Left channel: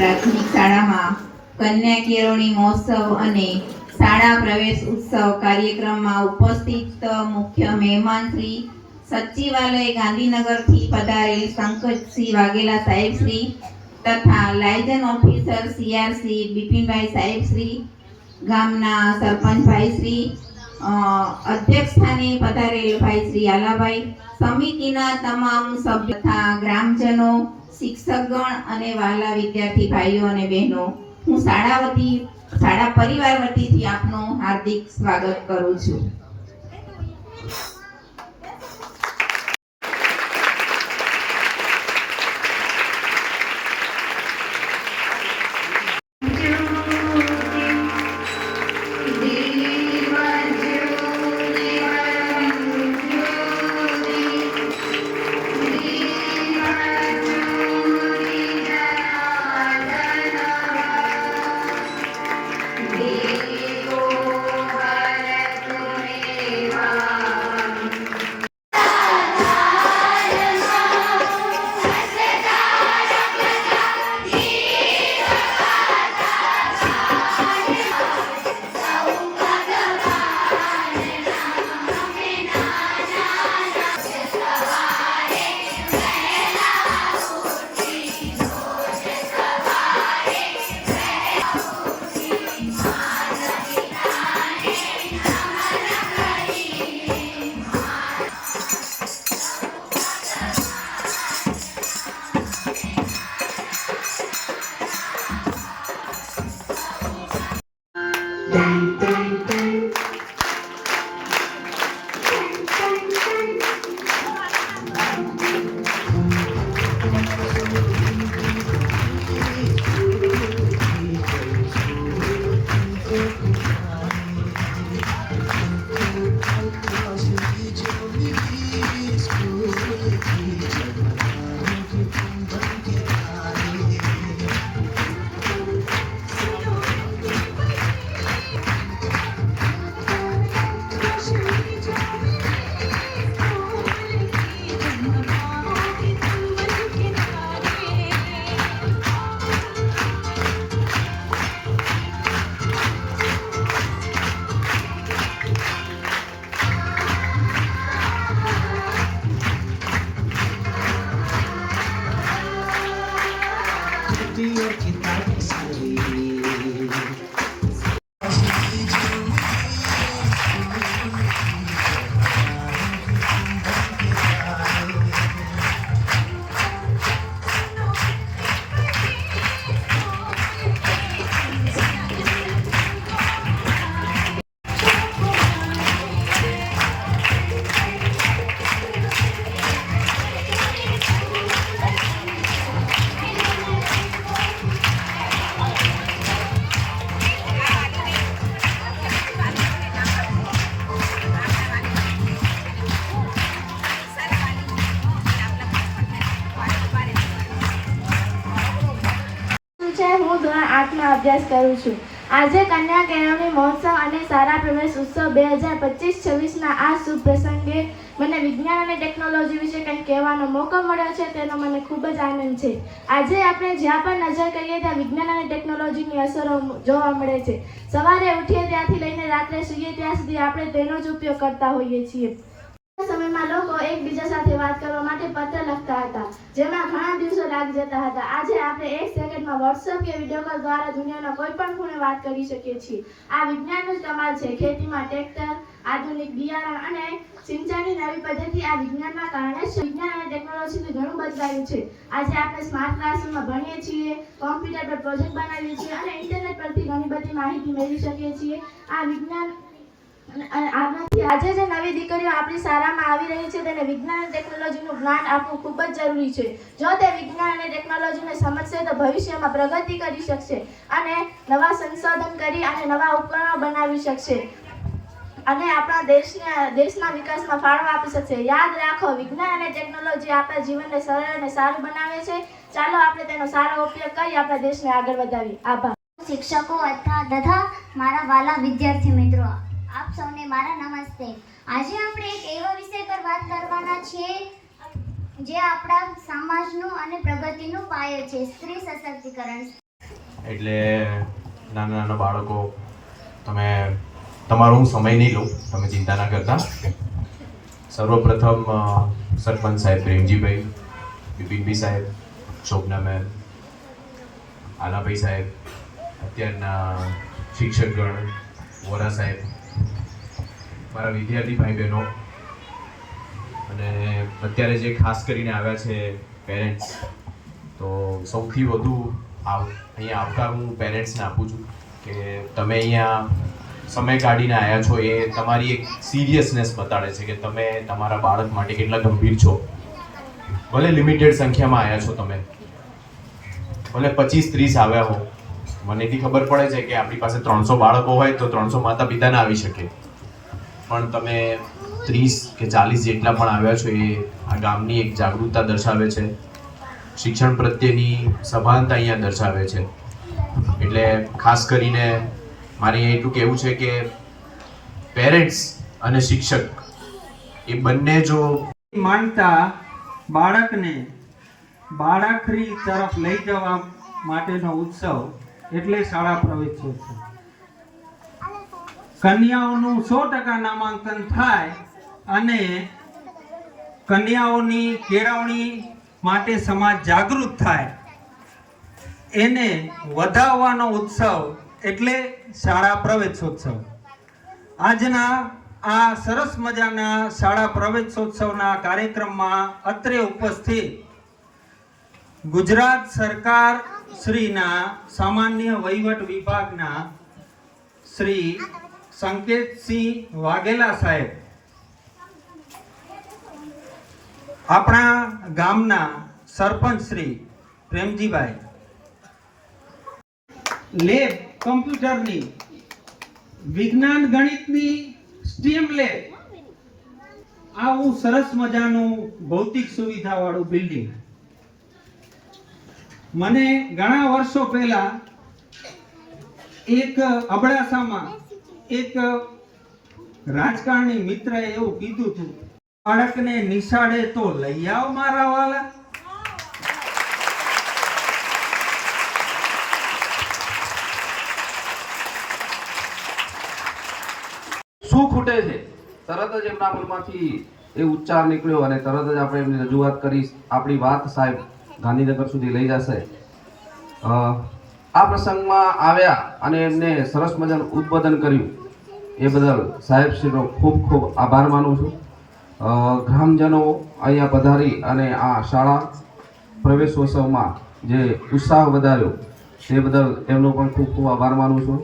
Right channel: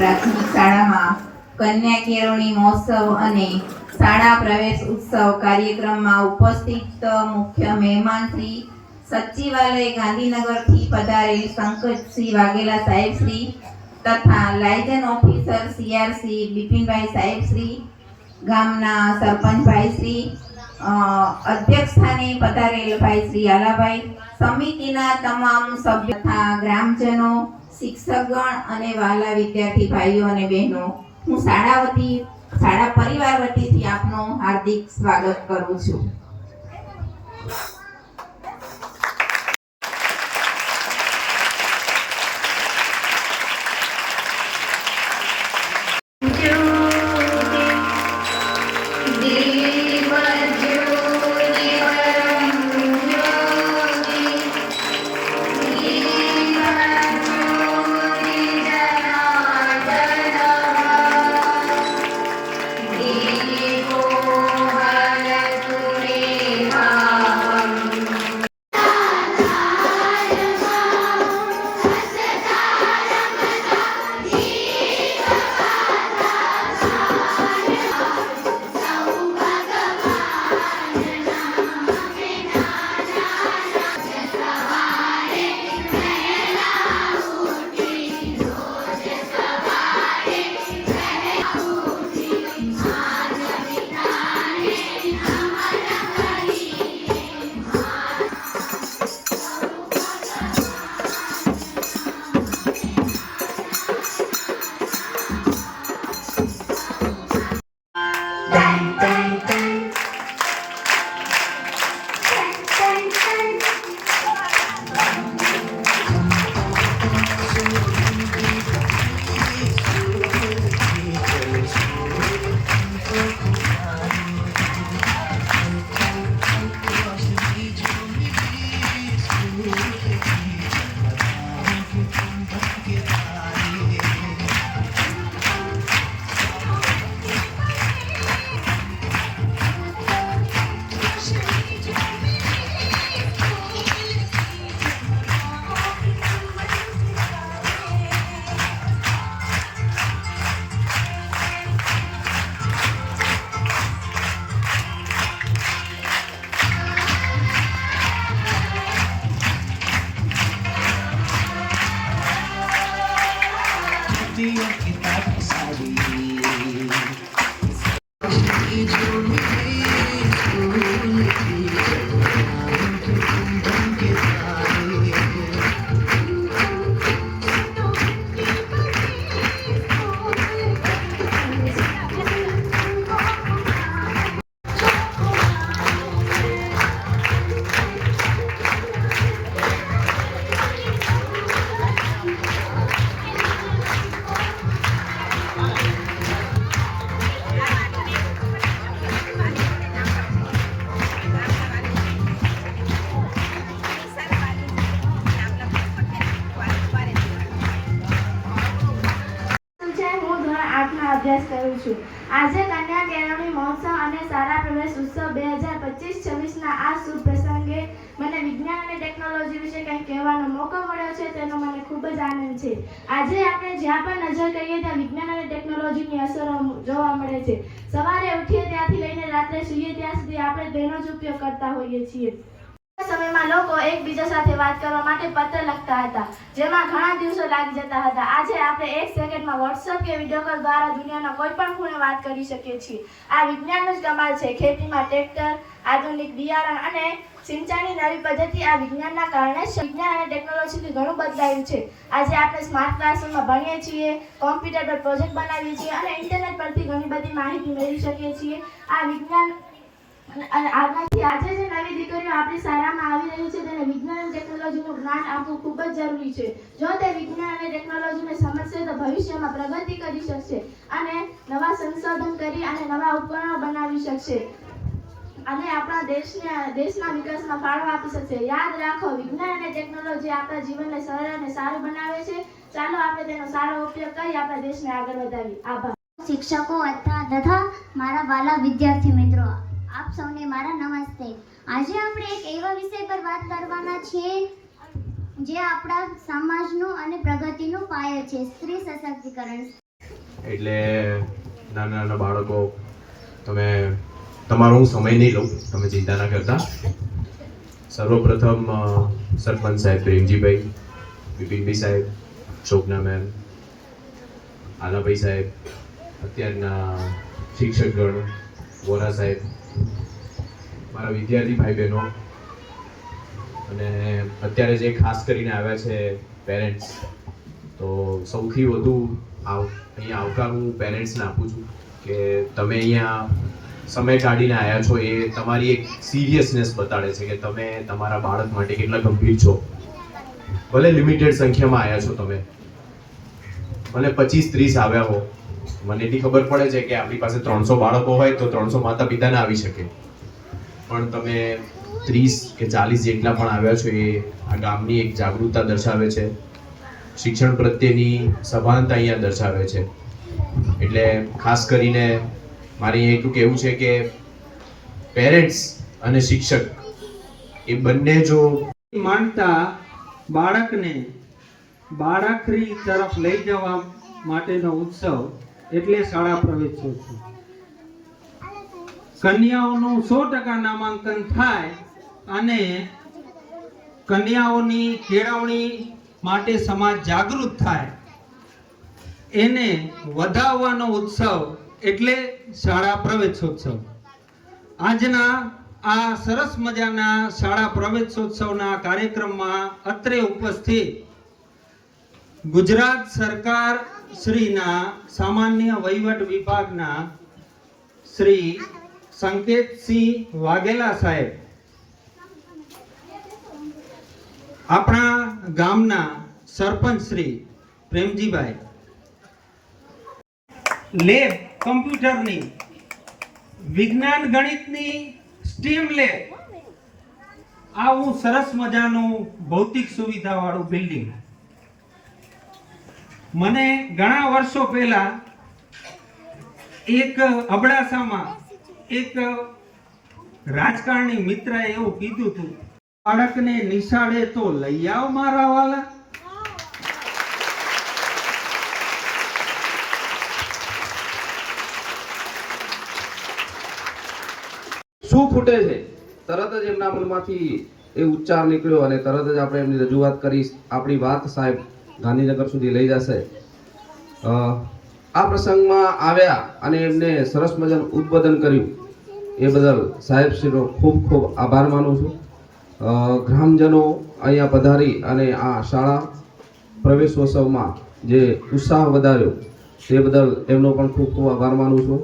પ્રાથમિક શાળામાં કન્યા કેળવણી મહોત્સવ અને શાળા પ્રવેશ ઉત્સવ કાર્યક્રમમાં ઉપસ્થિત મુખ્ય મહેમાન શ્રી સચિવાલય ગાંધીનગરથી પધારેલ શંકરસિંહ વાઘેલા સાહેબ શ્રી તથા લાયઝન ઓફિસર સીઆરસી બિપિનભાઈ સાહેબ શ્રી, ગામના સરપંચભાઈ શ્રી અધ્યક્ષ સ્થાને પધારેલ ભાઈ શ્રી આલાભાઈ, સમિતિના તમામ સભ્યો તથા ગ્રામજનો શિક્ષકગણ અને વાલા વિદ્યાર્થી ભાઈઓ અને બહેનો, હું શાળા વતી શાળા પરિવાર વતીથી આપનું હાર્દિક સ્વાગત કરું છું. અભ્યાસ કરું છું. આજે કન્યા કેળવણી મહોત્સવ અને સારા પ્રવેશ ઉત્સવ બે હજાર પચીસ છવ્વીસના આ શુભ પ્રસંગે મને વિજ્ઞાન અને ટેકનોલોજી વિશે કંઈક કહેવાનો મોકો મળ્યો છે તેનો મને ખૂબ જ આનંદ છે. આજે આપણે જ્યાં પણ નજર કરીએ ત્યાં વિજ્ઞાન અને ટેકનોલોજીની અસરો જોવા મળે છે. સવારે ઉઠીએ ત્યાંથી લઈને રાત્રે સૂઈએ ત્યાં સુધી આપણે તેનો જ ઉપયોગ કરતા હોઈએ છીએ. સમયમાં લોકો એકબીજા સાથે વાત કરવા માટે પત્ર લખતા હતા, જેમાં ઘણા દિવસો લાગી જતા હતા. આજે આપણે એક સેકન્ડમાં વોટ્સઅપ કે વીડિયો કોલ દ્વારા દુનિયાના કોઈ પણ ખૂણે વાત કરી શકીએ છીએ. આ વિજ્ઞાનનો જ કમાલ છે. ખેતીમાં ટ્રેક્ટર, આધુનિક બિયારણ અને સિંચાઈની નવી પદ્ધતિ આ વિજ્ઞાનના કારણે વિજ્ઞાન અને ટેકનોલોજીથી ઘણું બદલાયું છે. આજે આપણે સ્માર્ટ ક્લાસરૂમમાં ભણીએ છીએ કોમ્પ્યુટર પર પ્રોજેક્ટ બનાવીએ છીએ અને ઇન્ટરનેટ પરથી ઘણી બધી માહિતી મેળવી શકીએ છીએ. આ વિજ્ઞાન આજે જે નવી દીકરીઓ આપણી શાળામાં આવી રહી છે, તેને વિજ્ઞાન અને ટેકનોલોજીનું જ્ઞાન આપવું ખૂબ જ જરૂરી છે. જો તે વિજ્ઞાન અને ટેકનોલોજીને સમજશે, તો ભવિષ્યમાં પ્રગતિ કરી શકશે અને નવા સંશોધન કરી અને નવા ઉપકરણો બનાવી શકશે. અને આપણા દેશના દેશના વિકાસમાં ફાળો આપી શકશે. યાદ રાખો, વિજ્ઞાન અને ટેકનોલોજી આપણા જીવનને સરળ અને સારું બનાવે છે. ચાલો આપણે તેનો સારો ઉપયોગ કરી આપણા દેશને આગળ વધાવીએ આભાર. શિક્ષકો અથવા તથા મારા વાલા વિદ્યાર્થી મિત્રો આપ સૌને મારા નમસ્તે. આજે આપણે એક એવા વિષય પર વાત કરવાના છીએ જે આપણા સમાજનું અને પ્રગતિનું પાયો છે, સ્ત્રી સશક્તિકરણ. એટલે નાના નાના બાળકો, તમે, તમારો હું સમય નહીં લઉં, તમે ચિંતા ના કરતા. સર્વપ્રથમ સરપંચ સાહેબ પ્રેમજીભાઈ, બિપિનભાઈ સાહેબ, શોભના મેમ, આલાભાઈ સાહેબ, અત્યારના શિક્ષકગણ, વોરા સાહેબ મારા વિદ્યાર્થી ભાઈ બહેનો અને અત્યારે જે ખાસ કરીને આવ્યા છે પેરેન્ટ્સ તો સૌથી વધુ આવ, અહીંયા આવકાર હું પેરેન્ટ્સને આપું છું કે તમે અહીંયા સમય કાઢીને આવ્યા છો, એ તમારી એક સિરિયસનેસ બતાડે છે કે તમે તમારા બાળક માટે કેટલા ગંભીર છો. ભલે લિમિટેડ સંખ્યામાં આવ્યા છો તમે. ભલે પચીસ ત્રીસ આવ્યા હો. મને એટલી ખબર પડે છે કે આપણી પાસે ત્રણસો બાળકો હોય તો ત્રણસો માતા પિતાને આવી શકે. પણ તમે ત્રીસ કે ચાલીસ જેટલા પણ આવ્યા છો એ આ ગામની એક જાગૃતતા દર્શાવે છે. શિક્ષણ પ્રત્યેની સભાનતા અહીંયા દર્શાવે છે. એટલે ખાસ કરીને મારે એટલું કહેવું છે કે પેરેન્ટ્સ અને શિક્ષક એ બંને જો માનતા બાળકને બાળકરી તરફ લઈ જવા માટેનો ઉત્સવ એટલે શાળા પ્રવેશોત્સવ. કન્યાઓનું સો ટકા નામાંકન થાય અને કન્યાઓની કેળવણી માટે સમાજ જાગૃત થાય. એને વધાવવાનો ઉત્સવ એટલે શાળા પ્રવેશોત્સવ. આજના આ સરસ મજાના શાળા પ્રવેશોત્સવના કાર્યક્રમમાં અત્રે ઉપસ્થિત ગુજરાત સરકાર શ્રીના સામાન્ય વહીવટ વિભાગના શ્રી સંકેતસિંહ વાઘેલા સાહેબ. આપણા ગામના સરપંચ શ્રી પ્રેમજીભાઈ. લેબ કમ્પ્યુટરની વિજ્ઞાન ગણિતની સ્ટીમ લેબ. આવું સરસ મજાનું ભૌતિક સુવિધા વાળું બિલ્ડિંગ. મને ઘણા વર્ષો પહેલા એક અબડાસામાં એક રાજકારણી મિત્ર એવું કીધું હતું, બાળકને નિશાળે તો લઈ આવ મારા વાલા. શું ખૂટે છે? તરત જ એમના મનમાંથી એ ઉચ્ચાર નીકળ્યો અને તરત જ આપણે એમની રજૂઆત કરી આપણી વાત સાહેબ ગાંધીનગર સુધી લઈ જશે. આ પ્રસંગમાં આવ્યા અને એમને સરસ મજાનું ઉદ્બોધન કર્યું. એ બદલ સાહેબશ્રીનો ખૂબ ખૂબ આભાર માનું છું. ગ્રામજનો અહીંયા પધારી અને આ શાળા પ્રવેશોત્સવમાં જે ઉત્સાહ વધાર્યો, તે બદલ એમનો પણ ખૂબ ખૂબ આભાર માનું છું.